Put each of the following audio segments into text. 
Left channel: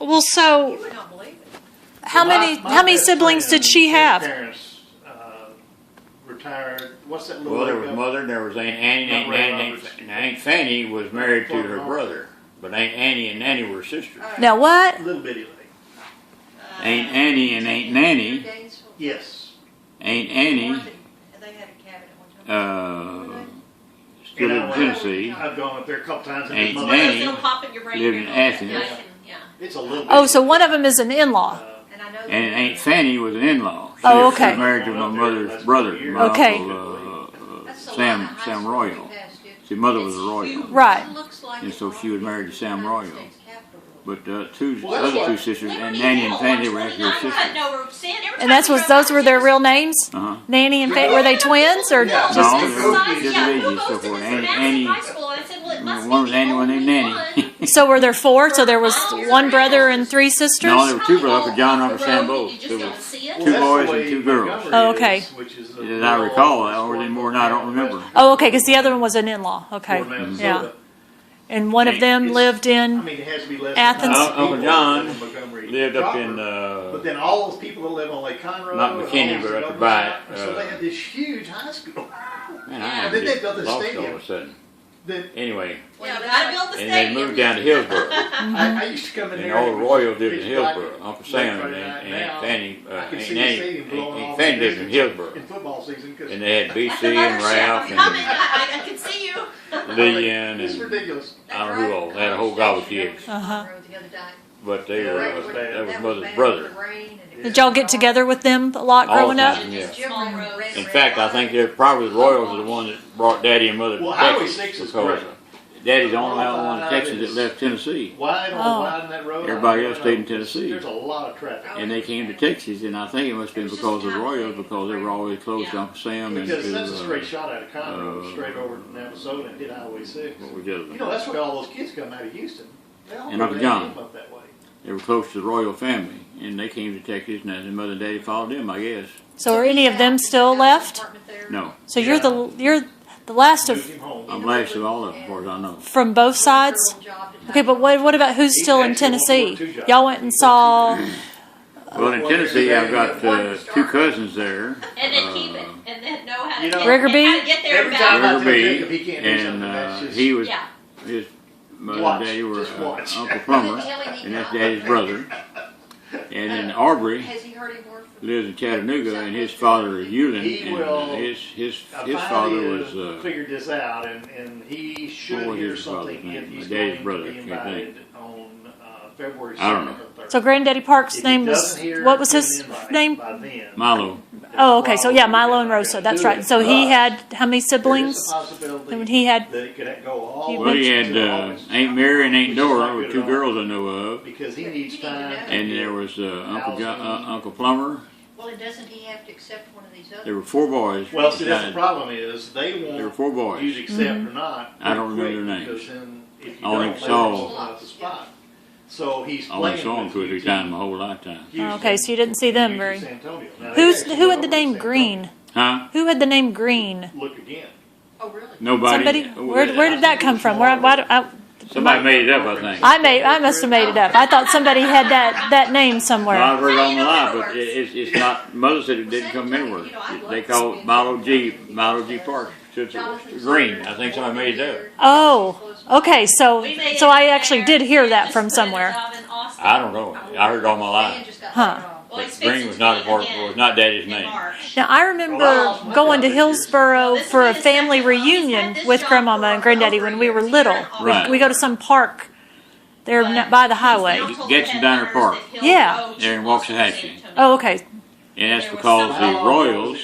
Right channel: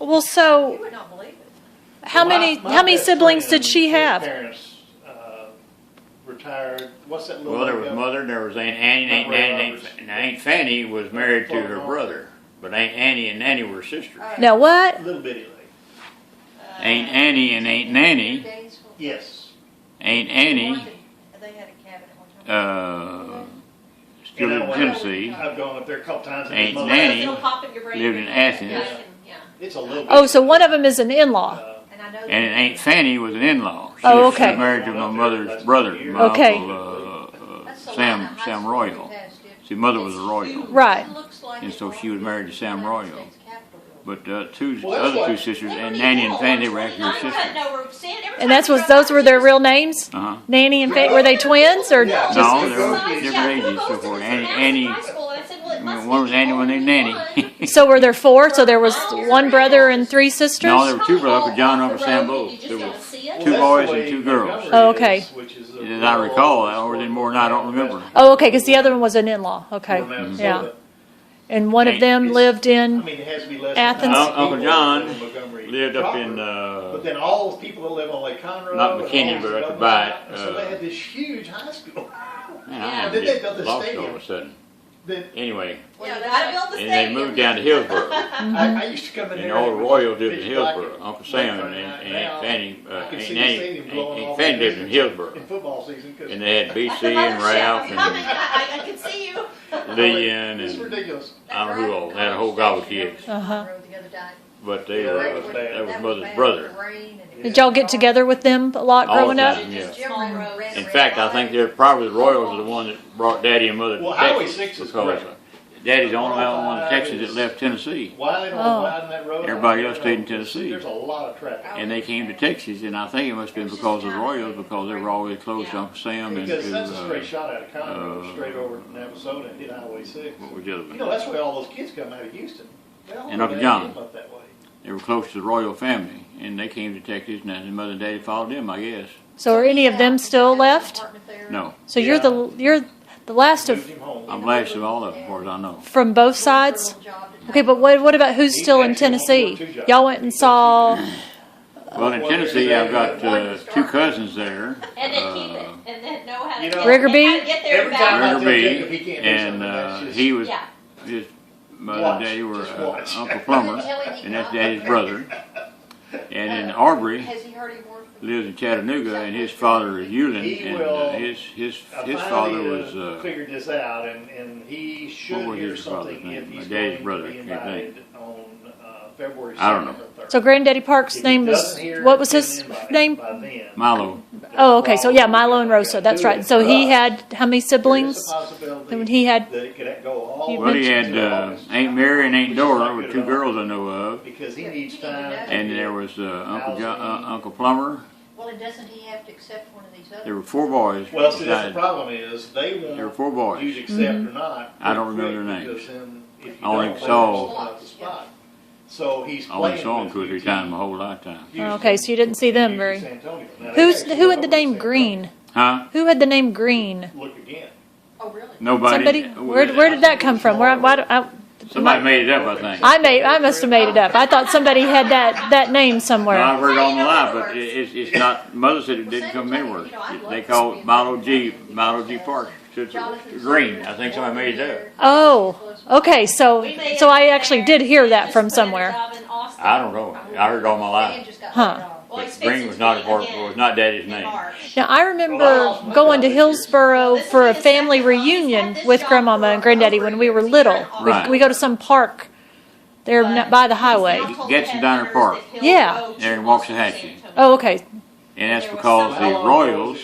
Well, so You would not believe it. how My many best siblings did friend, she his have? Parents retired. What's that little? Well, there was lady? mother, there was Aunt Annie, Not Aunt Ray Nanny, Roberts. and Aunt Fanny was married to her brother. But Aunt Annie and Nanny were sisters. Now what? Little bitty lady. Aunt Annie and Aunt Nanny, Yes. Aunt Annie, They had a cabin at one time. still You in know what? Tennessee. I've gone up there a couple times. And Aunt his mother- Nanny It'll pop in your brain. lived in Athens. I can, yeah. It's a little. Oh, bitty so lady. one of them is an in-law. And I know. And Aunt Fanny was an in-law. She Oh, was okay. married to my mother's brother, my Okay. uncle, That's the Sam line of high Sam school Royal. we passed it. See, mother was It's a Royal. huge. Right. It looks like And it's so she was married to Sam United Royal. States Capitol building. But Well, that's other two what- sisters, and Liberty Nanny Hill and Fanny on were actually 29 had sisters. no roof. Sand. Every And time that's we was drove those by, were it their was- real names? Uh-huh. Nanny and Fanny, were they twins or Yeah. just? No, Just they're besides, different yeah, ages, who goes so to forth. this Annie- massive Annie- high school? And I said, well, it must One be was the Annie, one named only Nanny. one. So were there four? So there was one brother and three sisters? No, there were two brothers, Uncle John and Off Uncle the Sam road, both. you just There don't was see it. Well, two that's boys the and way two girls. Montgomery Oh, okay. is, which is a As I rural recall, office or for more than I don't remember. Oh, okay, because the other one was an in-law. Okay, for Minnesota. yeah. And one of them It's- lived I in. mean, it has to be less Athens. than Uncle 100 John people in Montgomery lived up in, proper. But then all those people that live on Lake Conroe. not and McKinney, all but those up other by it, sites, so they had this huge high school. Man, Yeah. I Then they just built a lost all stadium. of a sudden. That Anyway, Well, you gotta build the and they stadium. moved down to Hillsborough. I used to come in And there. the old Royals lived in pitch black Hillsborough. and Uncle Black Sam Friday and night. Aunt Now, Fanny, I could Aunt see the Nanny, stadium blowing Aunt off Fanny in lived in Hillsborough. football season. 'Cause And they had Like BC the and mothership. Ralph I'm coming. and I can see you. Leanne It's and ridiculous. I don't know who all. They had a whole gobble of kids. Uh-huh. But they Yeah, were, that was bad. that was mother's brother. Did y'all get together with them a lot All growing the up? time, yeah. Small roads. In fact, I think they're probably the Royals are the one that brought Daddy and Mother to Well, Highway Texas. 6 is Because correct. Daddy's the only one in Texas that left Tennessee. Wide on Oh. wide in that road. Everybody else stayed in Tennessee. There's a lot of traffic. And they came to Texas, and I think it must have been because of the Royals, because they were always close to Uncle Sam and Because that's a to, straight shot out of Conroe, uh, straight over to Navasota and hit Highway 6. what was the other You know, one? that's where all those kids come out of Houston. They all And Uncle they John. live up that way. They were close to the Royal family, and they came to Texas, and then Mother and Daddy followed them, I guess. So are any of them still left? No, So you're the last Moved of him home. I'm last of all of them, as far as I know. from both sides. Okay, but what about who's still in Tennessee? Y'all went and saw. Well, in Tennessee, I've got two cousins there. And then keep it, and then know how to You know, get, Riggerby? and how to get there Every and time back. I tell Riggerby, Jacob he can't do and something, that's just. he was, Yeah. his mother Watch, and daddy were just watch. Uncle Plummer, and that's Daddy's brother. And in Aubrey Has he heard him work for? lives in Chattanooga, and his father is Euland, He and will- his I father finally was figured this out, and he should what was hear his father's something name? if My he's daddy's going brother, to be can't think. invited on February 2nd I don't know. or 3rd. So Granddaddy Park's If he name doesn't was hear what was an his invite name? by then, Milo. Oh, okay. So yeah, Milo and Rosa. That's right. So he had how many There's a siblings? possibility And he had. that it could go all the Well, way he had to August. Aunt Mary and Aunt Dora, Which were is two not good at all. girls I know of, Because he needs time. and there was Uncle Plummer. Well, and doesn't he have to accept one of these There other? were four boys. Well, see, that's the besides- problem is, they There were want four you boys. to accept or not. I don't pretty remember quick, their names. Because then, if you I only don't, they saw- won't fill out the spot. So he's I only playing saw them with two or three UT, times my whole lifetime. Houston, Okay, so you didn't see them and very. San Antonio. Now, they actually Who had went the over to name San Green? Huh? Who had the name Green? Antonio. Look again. Oh, really? Nobody. Somebody. Where did that come from? Somebody made it up, I think. I must have made it up. I thought somebody had that name No, somewhere. I've heard it on the line, Well, but it's not. Mother said it didn't come anywhere. They called it Milo G. Park. Green. I think somebody made it up. Oh, okay. So We may so I end actually there. did hear They that just from put a somewhere. job in Austin. I don't know. I heard it all my life. Huh. Well, he's But Green fixing was to not be a part. again Was not Daddy's in name. March. Now I remember going to Hillsboro for a family reunion with Grandmama and Granddaddy when we were little. Right. We go to some park there by the highway. Gadsden Diner Park. Yeah. There in Waxahachie. Oh, okay. And that's because the Royals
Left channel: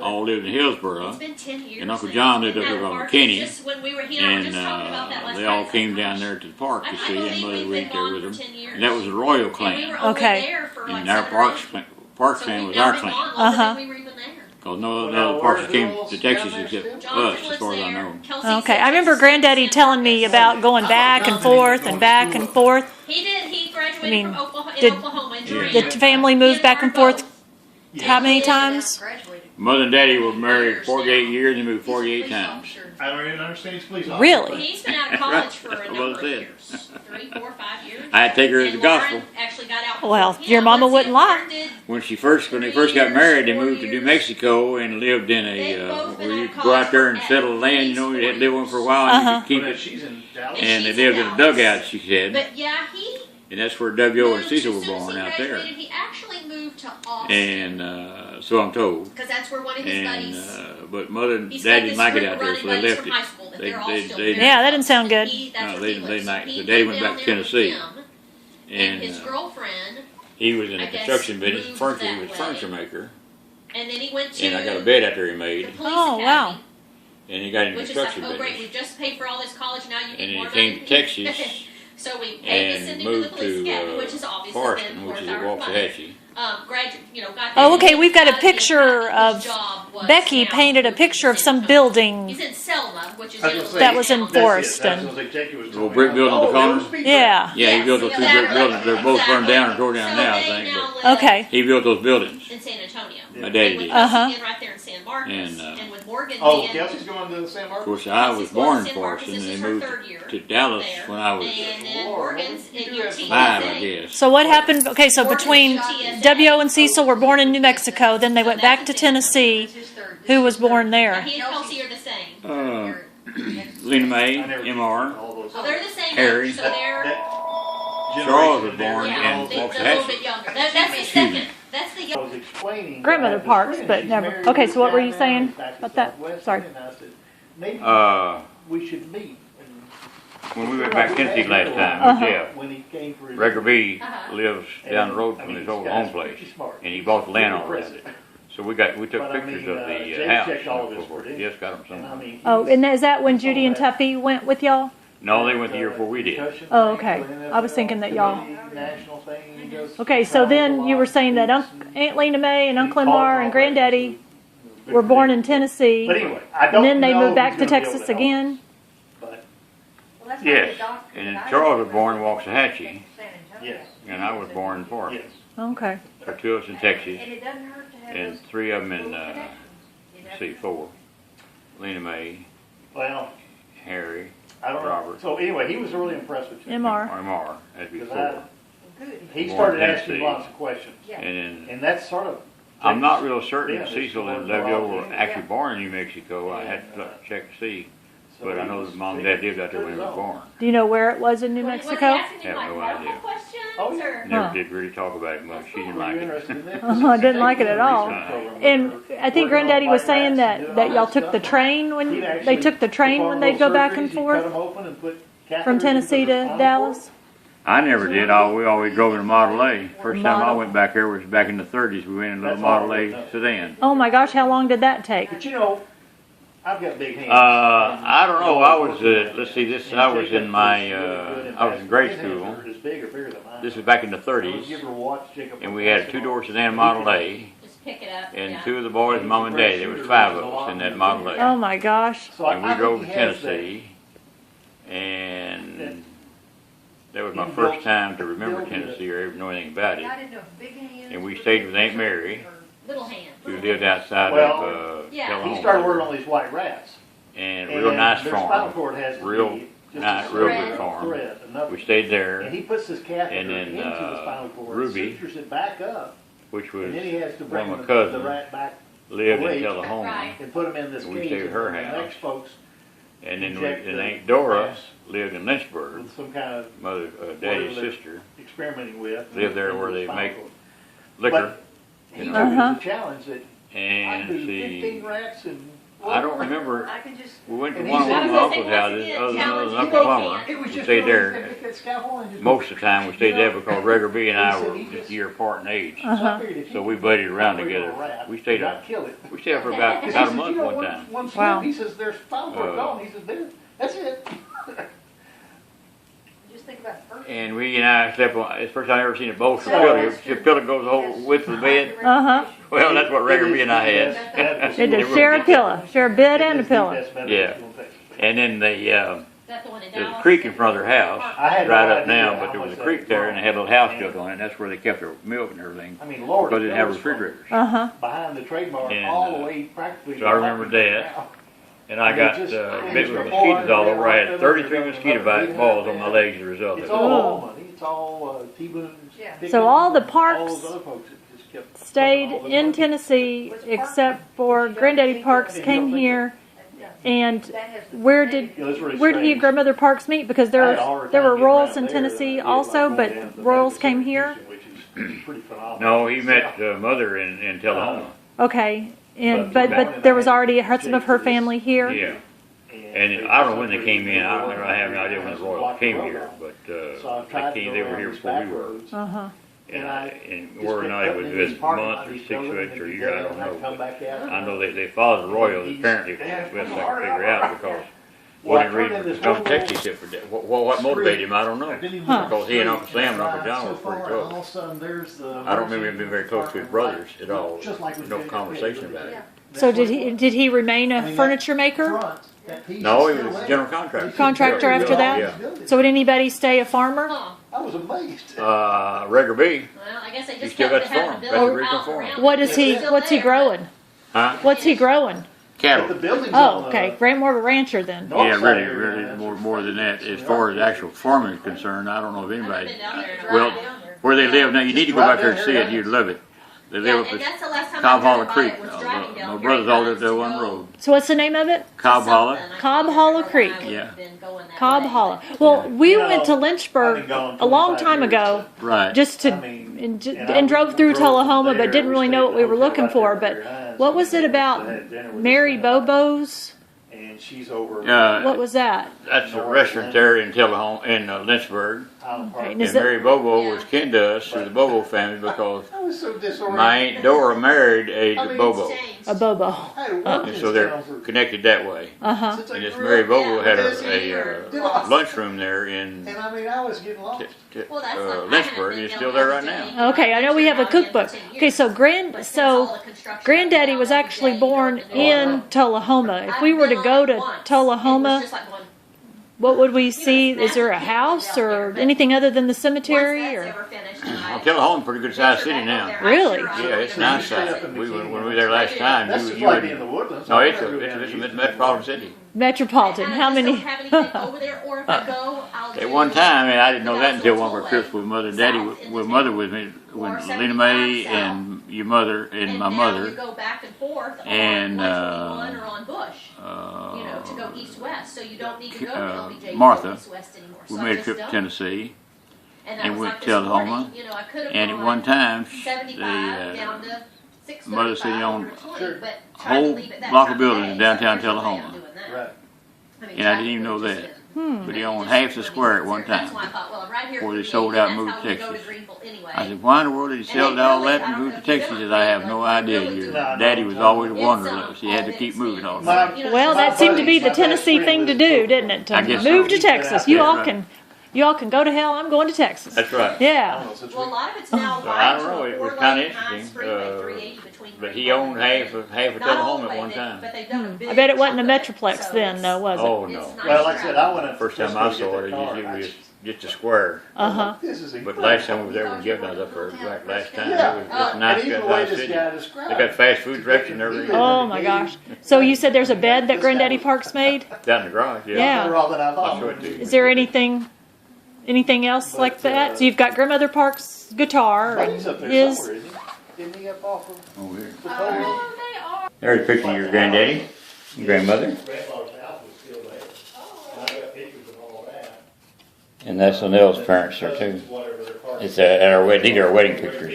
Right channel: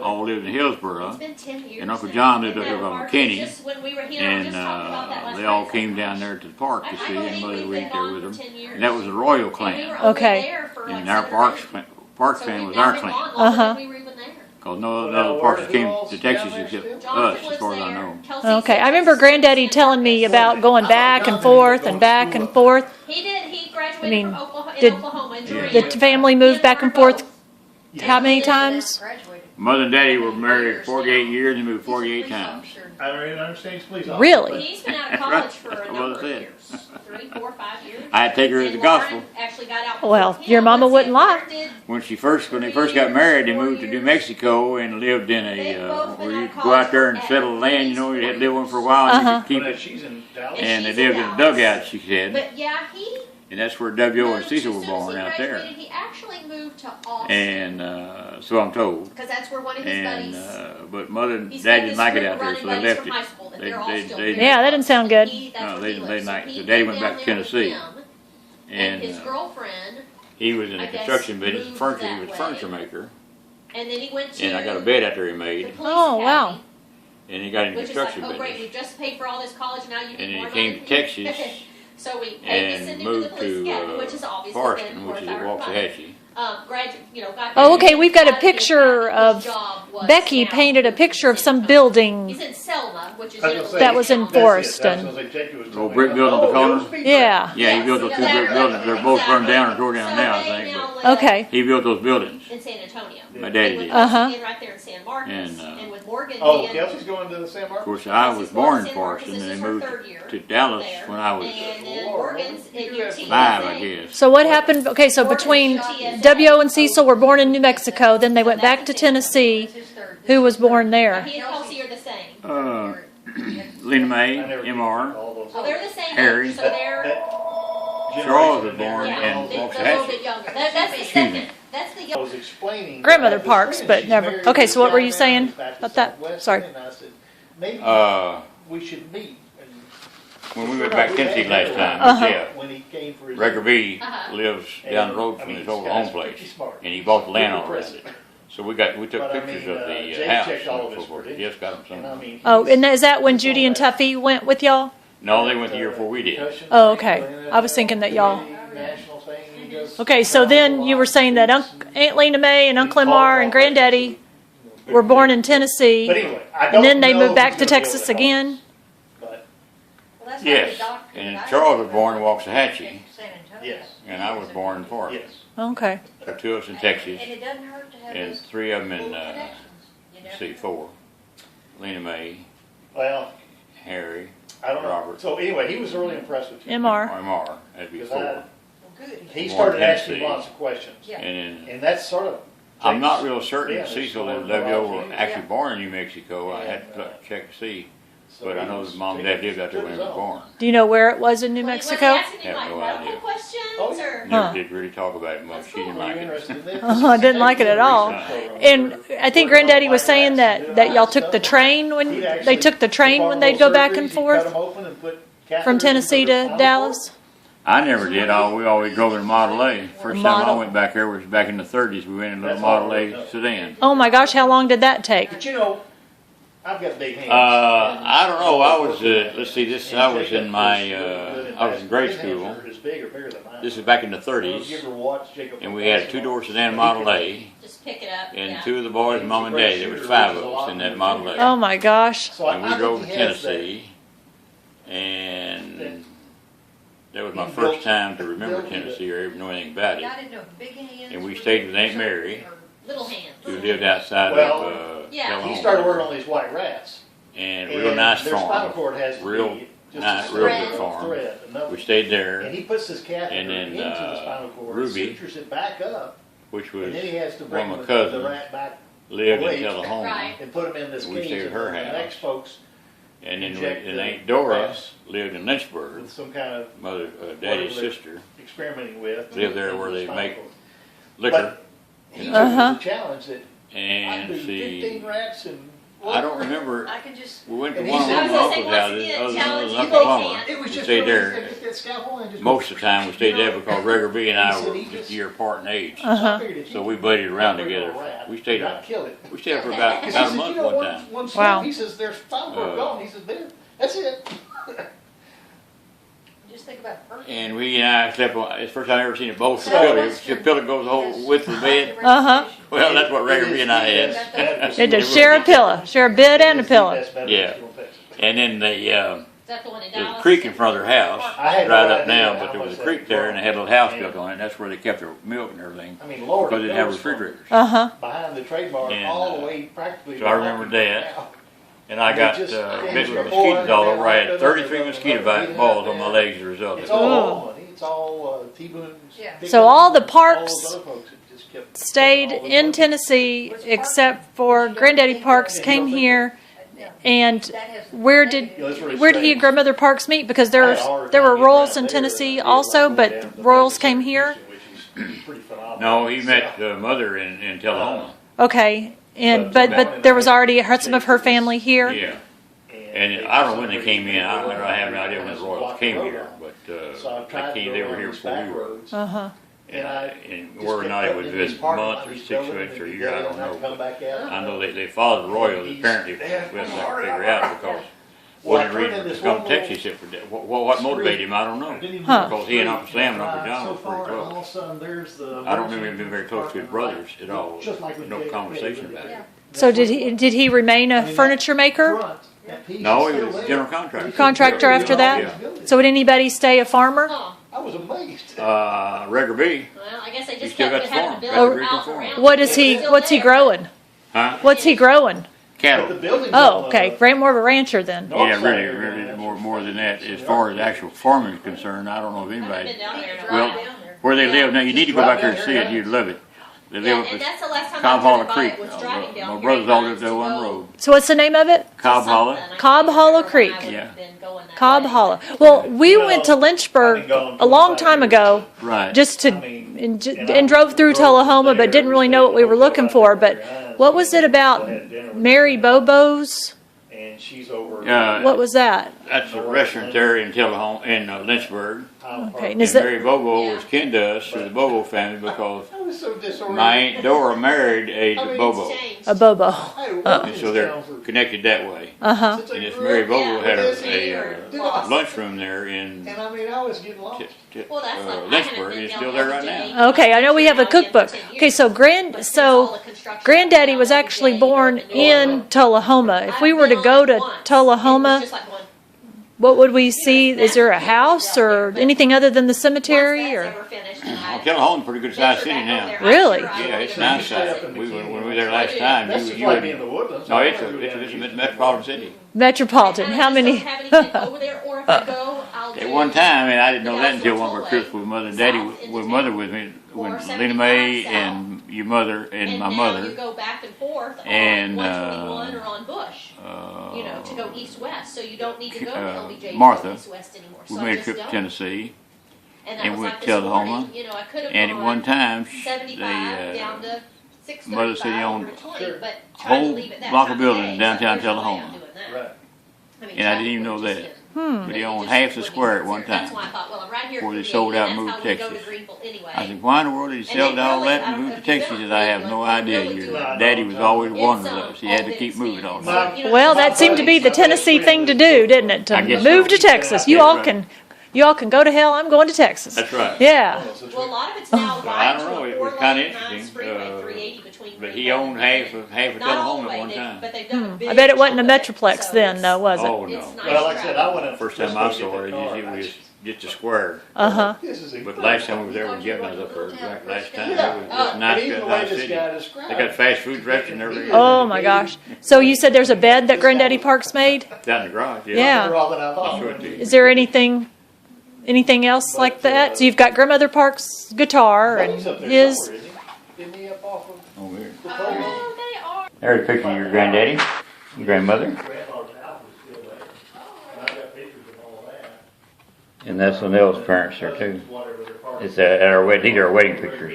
all lived in Hillsboro. It's been 10 years. And Uncle now. John lived up Isn't there that by hard? McKinney. Just when we were here, we were And just talking about that last they all night. came down there to the park to I see, believe and Mother we've went been there gone with for them. 10 years. And that was the Royal And we clan. were only Okay. there for like And our 7 or 8 Parks So clan we've was now our been clan. gone longer Uh-huh. than we were even there. Because no Well, other where parks the came girls to down Texas there except still? us, Jonathan as lives far as I there. know. Kelsey Okay. said I remember Texas Granddaddy sent telling me us. about going back and forth and back and forth. He did. He graduated I mean, from Oklahoma, did Oklahoma in the Durant. family He move and back and Warren forth? both. How many He did. times? Mother and Daddy were married 48 years and moved 48 times. I don't even understand his police Really? He's been out of That's college right. for a That's what number it of said. years. 3, 4, 5 years. I had to take her to And the gospel. Lauren actually got out. Well, before your him. mama Once wouldn't it lie. started, When they first got married, they moved to New Mexico and lived in where you go out there and settle the land. You know, you had to live one for a while and you could keep But it. she's in Dallas. And they she's in lived in a Dallas. dugout, she said, But yeah, he and that's where W.O. and moved, Cecil were as soon as born he out there. graduated, he actually moved to Austin. And so I'm told. Because that's where one of his And buddies. but mother and He's dad got didn't this like it group out there, running so they buddies left from it. high school that They- they're all they- still they- very Yeah, that didn't close. sound good. He, that's No, where they- he they lives. So like- he so Daddy went went back down to there with Tennessee. him and his girlfriend, He was in I the guess, construction business, moved furniture. He that was a way. furniture maker, and then he went to and I got a bed out there he the made, police Oh, wow. academy, and he got in the which is like, construction oh great, business, we just paid for all this college, now you and need then more he came money. to Texas So we paid to and send him to the moved police academy, to which is obviously Forreston, then which worth is our at money. Waxahachie. Got Oh, okay, that. we've got a Out of the picture academy, of his job was Becky now painted a moved to picture of San some Antonio. building. He's in Selma, which is I was in gonna say, That was in that's it. Forreston. That's what I was gonna say, Jackie was Little telling brick me. building on the Oh, corner? those people. Yeah. Yeah, he Yes, built those two brick buildings. They're both burned down or tore down now, I So they think. now But live Okay. he built those buildings. in San Antonio. My daddy And with did. Uh-huh. Kelsey being right there in San Marcos, And, and with Morgan Oh, being, Kelsey's going to San Of Marcos? course, I was Kelsey's born in going to San Marcos. Forreston, This and is they her moved third year to Dallas there. when I was And then Lord, Morgan's you in your have TSA. 5, I guess. So what happened? Okay, so between W.O. and Cecil were born in New Mexico, then they went back to Tennessee. Who was born Now, there? he and Kelsey are the same. Lena I May, never M.R., all those. Oh, they're the same Harry. age, so they're, Charles was born yeah, in they're a little Waxahachie. bit younger. That's the second, that's the I young. was explaining. Grandmother I had this Parks, friend, but she's never- married okay, to so what this were you guy saying down back in about that? Southwest, Sorry. And I said, maybe we should meet. And When we went back to Tennessee last time, Uh-huh. yeah, when he came for his. Record B Uh-huh. lives down the road from his old home place, and he bought the land all around it. So we took But I pictures mean, of the Jake house checked all of and his so forth. credentials. Yes, got them And I some. mean, Oh, he's- and is that when Judy and Tuffy went with y'all? No, they went the year before we did. Oh, okay. I was thinking that y'all- National thing, he does Okay, so then you were saying that Aunt Lena May and Uncle Lamar and Granddaddy were born in Tennessee, But anyway, I don't and then they know moved back who's to gonna be able Texas to help again? us, But, Yes, and Charles was born in Waxahachie, yes, and I was born in Forest. yes. Okay. So 2 of us in Texas, And it doesn't hurt to have and those 3 of them in, little connections, you know? 4. Lena May, Well, Harry, I don't know. Robert. So anyway, he was really impressed with you. MR. MR, that'd be Because 4. Well, good. He Born started in asking Tennessee. lots of questions. Yeah. And then, And that's sort of. I'm not real certain if Yeah, Cecil there's and one W.O. for were all actually Yeah. born in New Mexico. I had And, to check to see, so but I he know was his mom and taking dad lived out there when he was his own. born. Do you know where it was in New Was Mexico? he asking him Have like no medical idea. questions Oh, yeah. or? Never Huh. did really talk about it much. That's She cool. didn't Were like you it. interested in this? I didn't like it at all. Research program. And I think Granddaddy was saying that y'all took the train when He'd they actually took the train perform when they'd go little back surgeries, and he'd cut forth 'em open and put from catheters Tennessee into their to spinal Dallas. I never did. We always drove in a Model A. First time I Model. went back there was back in the 30s. We went in a little That's all Model I A know. sedan. Oh my gosh, how long did that take? But you know, I've got big hands. I don't know. I was, let's see, this, I was in my, I was in grade school. His bigger than mine. This is back in the You 30s. ever watch Jacob And we had a 2-door sedan Model A. Just pick it up, And yeah. 2 of the boys, mom and dad. There was 5 of us in that Model A. Oh my gosh. So I And we think drove to he has that. Tennessee, and that was my He first built- time to remember built it. Tennessee or even know anything about I it. didn't know if big hands. And we were stayed with Aunt something Mary. or- Little hands. Who lived outside Well, of yeah. Tullahoma. He started working on these white rats. And real nice their spinal farm. cord has to Real be just nice, a real thread. good farm. thread, enough. We stayed there, And he puts this catheter And then, into the spinal cord, Ruby, sutures it back up, which was and then he has to one bring of my the cousins, rat back lived in awake Tullahoma. Right. and put him in this We cage. stayed at her and the house. next folks And then inject and the Aunt Dora gas lived in Lynchburg, with some kind of mother, daddy's Whatever. sister, experimenting with. lived there where they Spinal make cord. liquor. He you took know. it Uh-huh. as a challenge that I And do 15 she, rats and. I don't remember, I can just. we went to And one he of said- my I was uncle's gonna say, houses, once again, other than challenge Uncle you Plummer. can't. It was We just stayed really, there. get that scalpel and just- Most of the time we stayed there because Gregor B and I He said were he just just- a year apart in age. So I figured if So you we could buddied around operate on together. a rat, We stayed not up. kill it. We stayed up for about He a says, month you know, one time. One Wow. swoop, he says, there's spinal cord gone. He says, there, that's it. Just think about first. And we and I slept on, it's the first time I've ever seen a bowl for So pillow. that's Your true. pillow goes the whole width of the bed. Uh-huh. Well, that's what Gregor B and I It is had. the best- They just share a pillow, share a bed and a pillow. It is the best medical Yeah. school in Texas. And then Is that the one in there's Dallas? a creek in front of their house. I had no Dried up idea now, how but there was a much creek that there and they had a little house And- built on it. And that's where they kept their milk and everything. I mean, Lord. Because they it didn't have goes from refrigerators. Uh-huh. Behind the trade bar, And, all the way practically. so I remember that. Now. And I And got it just- bit it's with before mosquitoes all over. I I had 33 mosquito bites balls on my legs as a result of It's it. all Oklahoma. He it's all, T-Boone. Yeah. So all the All parks those other folks have just kept. stayed all the in money. Tennessee except for Granddaddy Parks came here. And That has a where negative- did Yeah, that's really where did he and strange. grandmother Parks meet? Because I had there a hard were time getting Royals out in there. Tennessee It was also, like but going down to the Royals Memphis came area, here. Which is pretty phenomenal. No, he met the mother in Tullahoma. Okay, and But but there was already some of her family here. Yeah. And I don't know when they came in. I have no idea when the Royals came here, but So I tried to go they were around here these before back we were. roads. Uh-huh. And whether or not it was this a month or 6 weeks or a year, I don't know. But I know they followed the Royals. Apparently, we have to figure out because one reason for going to Texas if for that. What motivated him, I don't know. Huh. Because he and Uncle Sam and Uncle John were pretty close. I don't remember him being very close to his brothers at all. No conversation about it. So did he remain a furniture maker? No, he was a general contractor. Contractor after that? Yeah. So would anybody stay a farmer? Huh. I was amazed. Regger B. Well, I guess they He just still kept got the having farm. to Got build the a Rico house farm. around What it. is he? It's still What's he there, growing? Huh? What's he growing? Cattle. Oh, okay. More of a rancher then. Yeah, really more than that. As far as actual farming is concerned, I don't know if I haven't been anybody. down there in a Well, while. where they live now, you need to go back there and see it. You'd love it. They Yeah, live up and at that's the last time Cobb I've Hollow driven by Creek. it, was driving down My brothers all lived Grapevines there to one go road. So what's the name of it? Cobb Hollow. something. I Cobb can't Hollow remember when Creek. I would Yeah. have been going that Cobb way. Hollow. Well, we You know, went to I've been Lynchburg going a long 25 time years. ago, Right. just to and drove through Tullahoma, but didn't really know what we were looking for. But what was it about Mary Bobo's? And she's over. What was that? That's a restaurant there in Tullahoma, in Lynchburg. Okay, And is it- Mary Bobo was kin to us through the Bobo family because I was so disoriented. my Aunt Dora married a I mean, Bobo. It's changed. A Bobo. I had worked And in so this they're town for- connected that way. Uh-huh. since I And this grew Mary up. Bobo had Busy a or lunchroom there in And I mean, I was getting lost. Well, that's like, I haven't Lynchburg, been and it's down still there there right every now. day. Okay, I know we have a I've been cookbook. for 10 years. Okay, so But since all the construction Granddaddy down was there, actually you go born to the new in one. Tullahoma. If I've we were to been go on to it once. It was Tullahoma, just like going, what would we see? Is there a house or anything other than the cemetery? once that's Or ever finished, Tullahoma's a pretty good sized city now. Really? Yeah, it's nice out. When we were there last time, That's you just like in wouldn't. the woodlands. No, it's a metropolitan city. metropolitan? And I How just many? don't have anything over there, or if I go, I'll At do- one time, and I didn't know the that until National one of our Tollway trips with Mother and Daddy, south into with town. Mother with me, when Or Lena Mae 75 and your mother and my now mother. you go back and forth on and, 121 or on Bush, you know, to go east-west, so you don't need to go to LBJ to Martha, go east-west anymore. We So I made a just trip to don't. Tennessee, And, and was went like to this Tullahoma, morning, you know, I could have and at gone one time, 75 the down to 635 Mother City owned over 20, Sure. but trying to whole leave it that block time of buildings day, in so downtown there's no way I'm Tullahoma. doing that. Right. I mean, And I didn't even traffic know would that. just Hmm. But he you owned just half the wouldn't square at even one consider it. That's time why I thought, well, right here before for they me, sold out and that's moved how to we go Texas. Greenville anyway. I said, why in the world did he sell they all really- that I and don't move know to if you've Texas? ever He said, I have played, no like, idea. really Your do daddy was always a It's, wanderlust. He had to all keep moving all the big time. speed. You know, Well, that seemed to be the Tennessee thing to do, didn't it? To I guess move so. to Texas. You That's all right. can, you all can go to hell. I'm going to Texas. That's right. Yeah. Well, a lot of it's now So I wide don't to know, a it was 4-lane kinda high interesting, freeway, 380 between But he Greenville owned and half of not all Tullahoma the at way, one time. but they've done a big I bet it wasn't a chunk of it, Metroplex so then, it's- though, was Oh, it? no. It's nice Well, like I said, I went in. First time I saw it, it was just a square. Uh huh. This is But last time we was there when Jeff and I was up there, like last time, it Yeah. was Oh. just a And nice, even good the way nice this city. guy described They got fast food restaurants and everything. Oh my gosh. So you said there's a bed that Granddaddy Parks made? Down in the garage, yeah. Yeah. Better off than I I'll thought. show it to you. Is there anything else like that? So you've got Grandmother Parks' guitar and Buddy's up there his. somewhere, isn't he? Isn't he up off of Oh, here. the pole? Oh, they are. There's a picture of your granddaddy, your grandmother, Grandfather's house is still there. And I got pictures of all that. and that's Linnell's parents there too. Whatever they're called. It's at our wedding, these are our wedding pictures.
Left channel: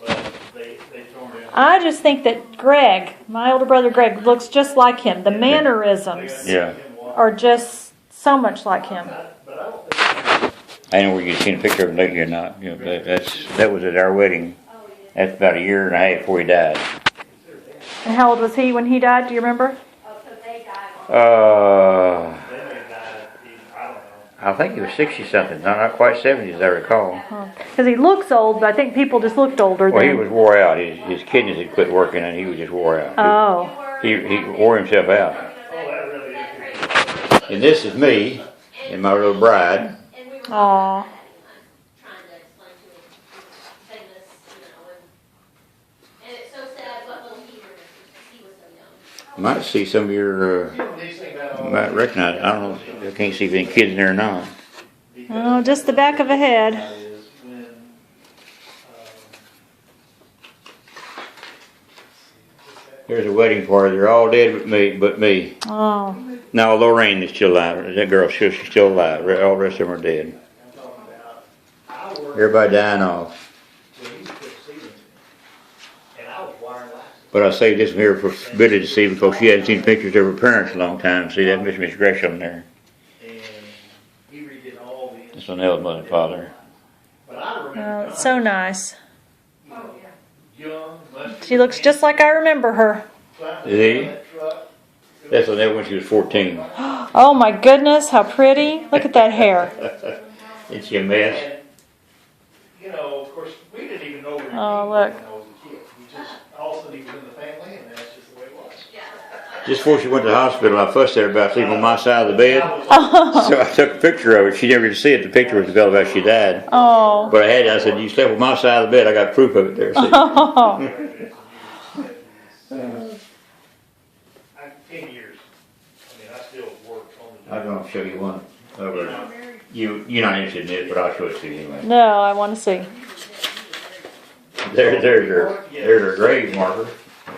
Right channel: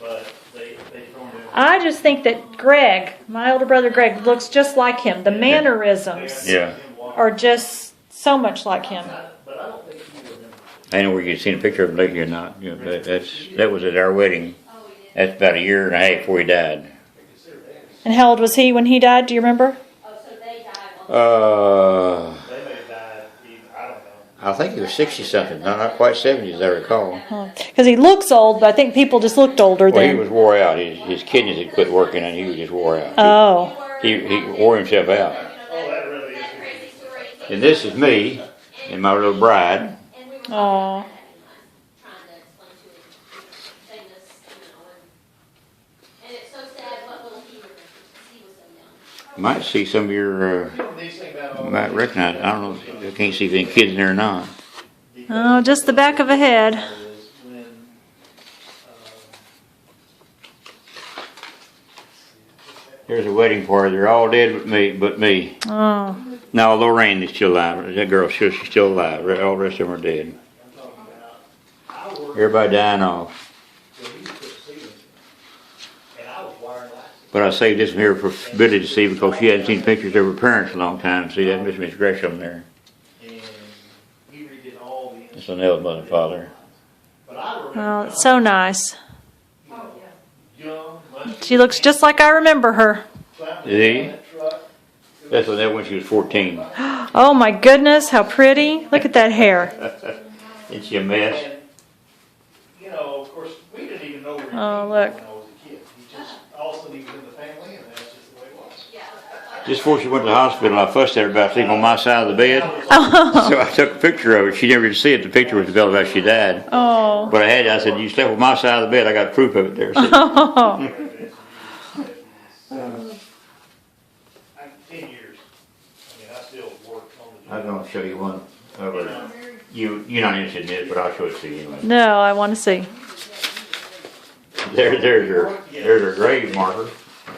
But they told me. I just think that Greg, my older brother Greg, looks just like him. The mannerisms Yeah. are just so much like him. But I don't think. I don't know whether you've seen a picture of him lately or not. You know, that was at our wedding. That's about a year and a half before he died. And how old was he when he died? Do you remember? Oh, so they died on. They may have died, I don't know. I think he was 60 something, no, not quite 70 as I recall. Because he looks old, but I think people just looked older Well, he then. was wore out. His kidneys had quit working and he was just wore out. Oh. He wore himself out. Oh, that really is. And this is me and my little bride. And we were Aw. trying to explain to him, saying this, you know, and it's so sad what little he remembers, because he was so young. Might see some of your, These things about all might recognize it. I don't know, I can't see if any kids in there or not. the Oh, just the back of a head. Is when, There's a wedding party. They're all dead but me. Oh, Now Lorraine is still alive. That girl, she's still alive. All the rest of them are dead. I'm talking about, I worked. Everybody dying off. When you put ceilings in, and I was wiring lights. But I saved this one here for Billy to see because she hadn't seen pictures of her parents in a long time. See, that's Miss Gresham there. And he redid all the. That's an old mother and father. But I remember. oh, it's so nice. You know, young, muscular. She looks just like I remember her. climbing Is he? down that truck. That's when she was 14. Oh my goodness, how pretty. Look at that hair. Isn't she a mess? And, you know, of course, we didn't even know we were Oh, when look. I was a kid. He just, all of a sudden he was in the family, and that's just the way it was. Just before she went to the hospital, I fussed at her about sleeping on my side of the bed. So I took a picture of it. She never did see it. The picture was developed after she died. Oh. But I said, you slept on my side of the bed. I got proof of it there. See? I'm 10 years. I mean, I still work on the I'm job. going to show you one of her. You're not interested in it, but I'll show it to you anyway. No, I want to see. There's her grave marker.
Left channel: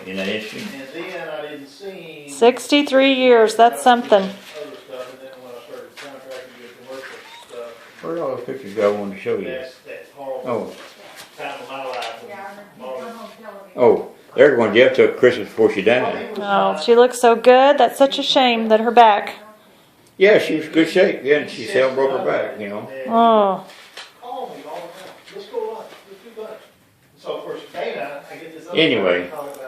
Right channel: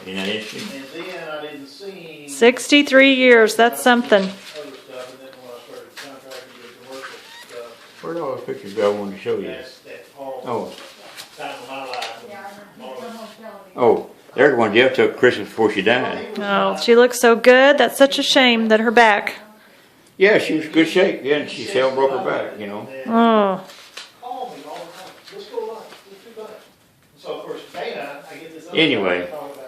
Isn't that interesting? And then I didn't see. 63 years, that's something. Other stuff, and then when I started contracting with commercial stuff, Where did all those pictures go? I wanted to show you. that horrible Oh, time of my life. Yeah, I when remember. Marla- On television. oh, there's one Jeff took Christmas before she died. Oh, she looks so good. That's such a shame that her back. Yeah, she was in good shape. Yeah, and she still broke her back, you know. Oh, Call me all the time. Let's go lunch. Let's do lunch. So of course Dana, I get this. Other Anyway. guy talking